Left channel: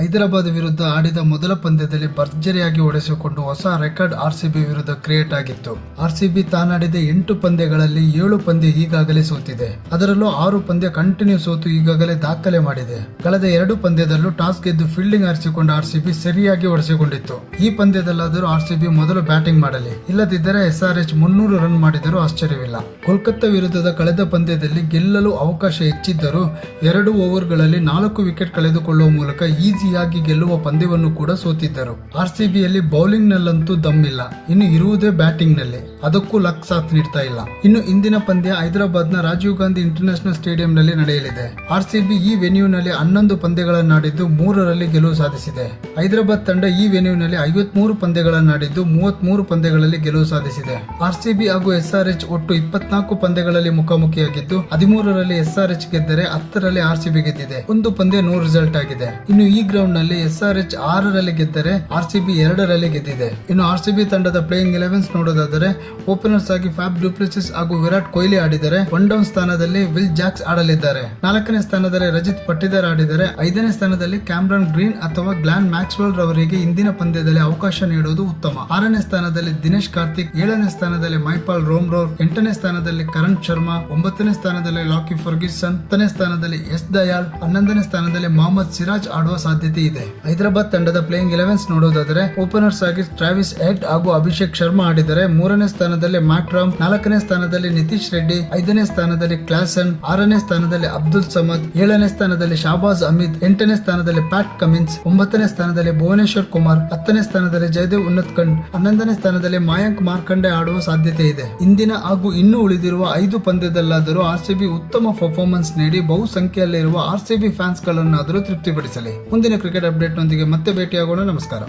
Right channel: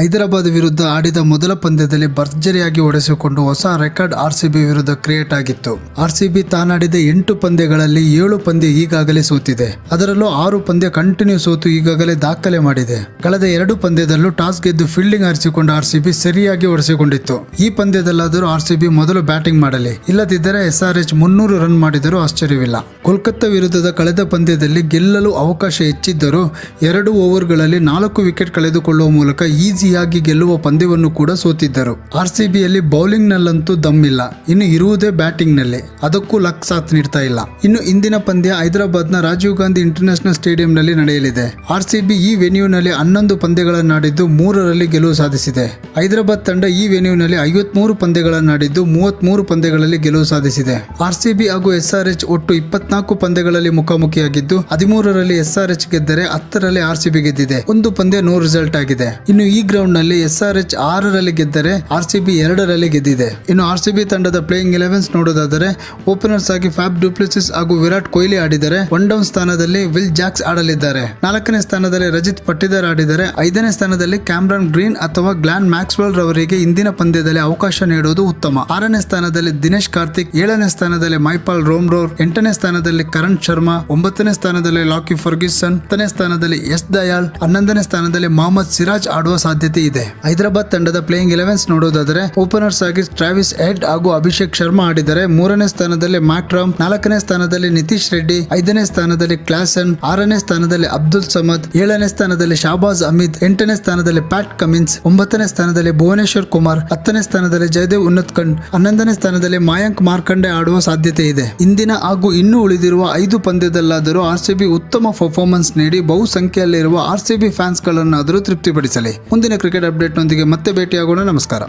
ಹೈದರಾಬಾದ್ ವಿರುದ್ಧ ಆಡಿದ ಮೊದಲ ಪಂದ್ಯದಲ್ಲಿ ಭರ್ಜರಿಯಾಗಿ ಹೊಡೆಸಿಕೊಂಡು ಹೊಸ ರೆಕಾರ್ಡ್ ಆರ್ಸಿಬಿ ವಿರುದ್ಧ ಕ್ರಿಯೇಟ್ ಆಗಿತ್ತು. ಆರ್ಸಿಬಿ ತಾನಾಡಿದ 8 ಪಂದ್ಯಗಳಲ್ಲಿ 7 ಪಂದ್ಯ ಈಗಾಗಲೇ ಸೋತಿದೆ. ಅದರಲ್ಲೂ 6 ಪಂದ್ಯ ಕಂಟಿನ್ಯೂ ಸೋತು ಈಗಾಗಲೇ ದಾಖಲೆ ಮಾಡಿದೆ. ಕಳೆದ 2 ಪಂದ್ಯದಲ್ಲೂ ಟಾಸ್ ಗೆದ್ದು ಫೀಲ್ಡಿಂಗ್ ಆರಿಸಿಕೊಂಡ ಆರ್ಸಿಬಿ ಸರಿಯಾಗಿ ಹೊಡೆಸಿಕೊಂಡಿತ್ತು. ಈ ಪಂದ್ಯದಲ್ಲಾದರೂ ಆರ್ಸಿಬಿ ಮೊದಲು ಬ್ಯಾಟಿಂಗ್ ಮಾಡಲಿ, ಇಲ್ಲದಿದ್ದರೆ SRH 300 ರನ್ ಮಾಡಿದರೂ ಆಶ್ಚರ್ಯವಿಲ್ಲ. ಕೋಲ್ಕತ್ತಾ ವಿರುದ್ಧದ ಕಳೆದ ಪಂದ್ಯದಲ್ಲಿ ಗೆಲ್ಲಲು ಅವಕಾಶ ಹೆಚ್ಚಿದ್ದರೂ 2 ಓವರ್ಗಳಲ್ಲಿ 4 ವಿಕೆಟ್ ಕಳೆದುಕೊಳ್ಳುವ ಮೂಲಕ ಈಸಿಯಾಗಿ ಗೆಲ್ಲುವ ಪಂದ್ಯವನ್ನು ಕೂಡ ಸೋತಿದ್ದರು. ಆರ್ಸಿಬಿಯಲ್ಲಿ ಬೌಲಿಂಗ್ ನಲ್ಲಂತೂ ದಮ್ಮಿಲ್ಲ, ಇನ್ನು ಇರುವುದೇ ಬ್ಯಾಟಿಂಗ್ ನಲ್ಲಿ. ಅದಕ್ಕೂ ಲಕ್ ಸಾಥ್ ನೀಡ್ತಾ ಇಲ್ಲ. ಇನ್ನು ಇಂದಿನ ಪಂದ್ಯ ಹೈದರಾಬಾದ್ ನ ರಾಜೀವ್ ಗಾಂಧಿ ಇಂಟರ್ನ್ಯಾಷನಲ್ ಸ್ಟೇಡಿಯಂ ನಲ್ಲಿ ನಡೆಯಲಿದೆ. ಆರ್ಸಿಬಿ ಈ ವೆನ್ಯೂನಲ್ಲಿ 11 ಪಂದ್ಯಗಳನ್ನಾಡಿದ್ದು 3ರಲ್ಲಿ ಗೆಲುವು ಸಾಧಿಸಿದೆ. ಹೈದರಾಬಾದ್ ತಂಡ ಈ ವೆನ್ಯೂನಲ್ಲಿ 53 ಪಂದ್ಯಗಳನ್ನಾಡಿದ್ದು 33 ಪಂದ್ಯಗಳಲ್ಲಿ ಗೆಲುವು ಸಾಧಿಸಿದೆ. ಆರ್ಸಿಬಿ ಹಾಗೂ SRH ಒಟ್ಟು 24 ಪಂದ್ಯಗಳಲ್ಲಿ ಮುಖಾಮುಖಿಯಾಗಿದ್ದು 13ರಲ್ಲಿ SRH ಗೆದ್ದರೆ 10ರಲ್ಲಿ ಆರ್ಸಿಬಿ ಗೆದ್ದಿದೆ. ಒಂದು ಪಂದ್ಯ ನೋ ರಿಸಲ್ಟ್ ಆಗಿದೆ. ಇನ್ನು ಈ ಗ್ರೌಂಡ್ ನಲ್ಲಿ SRH 6ರಲ್ಲಿ ಗೆದ್ದರೆ ಆರ್ಸಿಬಿ 2ರಲ್ಲಿ ಗೆದ್ದಿದೆ. ಇನ್ನು ಆರ್ಸಿಬಿ ತಂಡದ ಪ್ಲೇಯಿಂಗ್ 11 ನೋಡೋದಾದರೆ ಓಪನರ್ಸ್ ಆಗಿ ಫ್ಯಾಬ್ ಡುಪ್ಲೆಸಿಸ್ ಹಾಗೂ ವಿರಾಟ್ ಕೊಹ್ಲಿ ಆಡಿದರೆ 1 ಡೌನ್ ಸ್ಥಾನದಲ್ಲಿ ವಿಲ್ ಜಾಕ್ಸ್ ಆಡಲಿದ್ದಾರೆ. 4ನೇ ಸ್ಥಾನದಲ್ಲಿ ರಜಿತ್ ಪಟ್ಟಿದಾರ್ ಆಡಿದರೆ 5ನೇ ಸ್ಥಾನದಲ್ಲಿ ಕ್ಯಾಮ್ರನ್ ಗ್ರೀನ್ ಅಥವಾ ಗ್ಲಾನ್ ಮ್ಯಾಕ್ಸ್ವೆಲ್ ರವರಿಗೆ ಇಂದಿನ ಪಂದ್ಯದಲ್ಲಿ ಅವಕಾಶ ನೀಡುವುದು ಉತ್ತಮ. 6ನೇ ಸ್ಥಾನದಲ್ಲಿ ದಿನೇಶ್ ಕಾರ್ತಿಕ್, 7ನೇ ಸ್ಥಾನದಲ್ಲಿ ಮೈಪಾಲ್ ರೋಮ್ರೋರ್, 8ನೇ ಸ್ಥಾನದಲ್ಲಿ ಕರಣ್ ಶರ್ಮಾ, 9ನೇ ಸ್ಥಾನದಲ್ಲಿ ಲಾಕಿ ಫರ್ಗ್ಯೂಸನ್, 10ನೇ ಸ್ಥಾನದಲ್ಲಿ ಎಸ್ ದಯಾಳ್, 11ನೇ ಸ್ಥಾನದಲ್ಲಿ ಮೊಹಮ್ಮದ್ ಸಿರಾಜ್ ಆಡುವ ಸಾಧ್ಯತೆ ಇದೆ. ಹೈದರಾಬಾದ್ ತಂಡದ ಪ್ಲೇಯಿಂಗ್ 11 ನೋಡೋದಾದರೆ ಓಪನರ್ಸ್ ಆಗಿ ಟ್ರಾವಿಸ್ ಹೆಡ್ ಹಾಗೂ ಅಭಿಷೇಕ್ ಶರ್ಮಾ ಆಡಿದರೆ 3ನೇ ಸ್ಥಾನದಲ್ಲಿ ಮ್ಯಾಕ್ರಾಮ್, 4ನೇ ಸ್ಥಾನದಲ್ಲಿ ನಿತೀಶ್ ರೆಡ್ಡಿ, 5ನೇ ಸ್ಥಾನದಲ್ಲಿ ಕ್ಲಾಸನ್, 6ನೇ ಸ್ಥಾನದಲ್ಲಿ ಅಬ್ದುಲ್ ಸಮದ್, 7ನೇ ಸ್ಥಾನದಲ್ಲಿ ಶಾಬಾಜ್ ಅಹಮದ್, 8ನೇ ಸ್ಥಾನದಲ್ಲಿ ಪ್ಯಾಟ್ ಕಮಿನ್ಸ್, 9ನೇ ಸ್ಥಾನದಲ್ಲಿ ಭುವನೇಶ್ವರ್ ಕುಮಾರ್, 10ನೇ ಸ್ಥಾನದಲ್ಲಿ ಜಯದೇವ್ ಉನ್ನತ್ಕಂಡ್, 11ನೇ ಸ್ಥಾನದಲ್ಲಿ ಮಯಾಂಕ್ ಮಾರ್ಕಂಡೆ ಆಡುವ ಸಾಧ್ಯತೆ ಇದೆ. ಇಂದಿನ ಹಾಗೂ ಇನ್ನೂ ಉಳಿದಿರುವ 5 ಪಂದ್ಯದಲ್ಲಾದರೂ ಆರ್ಸಿಬಿ ಉತ್ತಮ ಪರ್ಫಾರ್ಮೆನ್ಸ್ ನೀಡಿ ಬಹುಸಂಖ್ಯೆಯಲ್ಲಿರುವ ಆರ್ಸಿಬಿ ಫ್ಯಾನ್ಸ್ ಗಳನ್ನಾದರೂ ತೃಪ್ತಿಪಡಿಸಲಿ. ಮುಂದಿನ ಕ್ರಿಕೆಟ್ ಅಪ್ಡೇಟ್ ನೊಂದಿಗೆ ಮತ್ತೆ ಭೇಟಿಯಾಗೋಣ. ನಮಸ್ಕಾರ.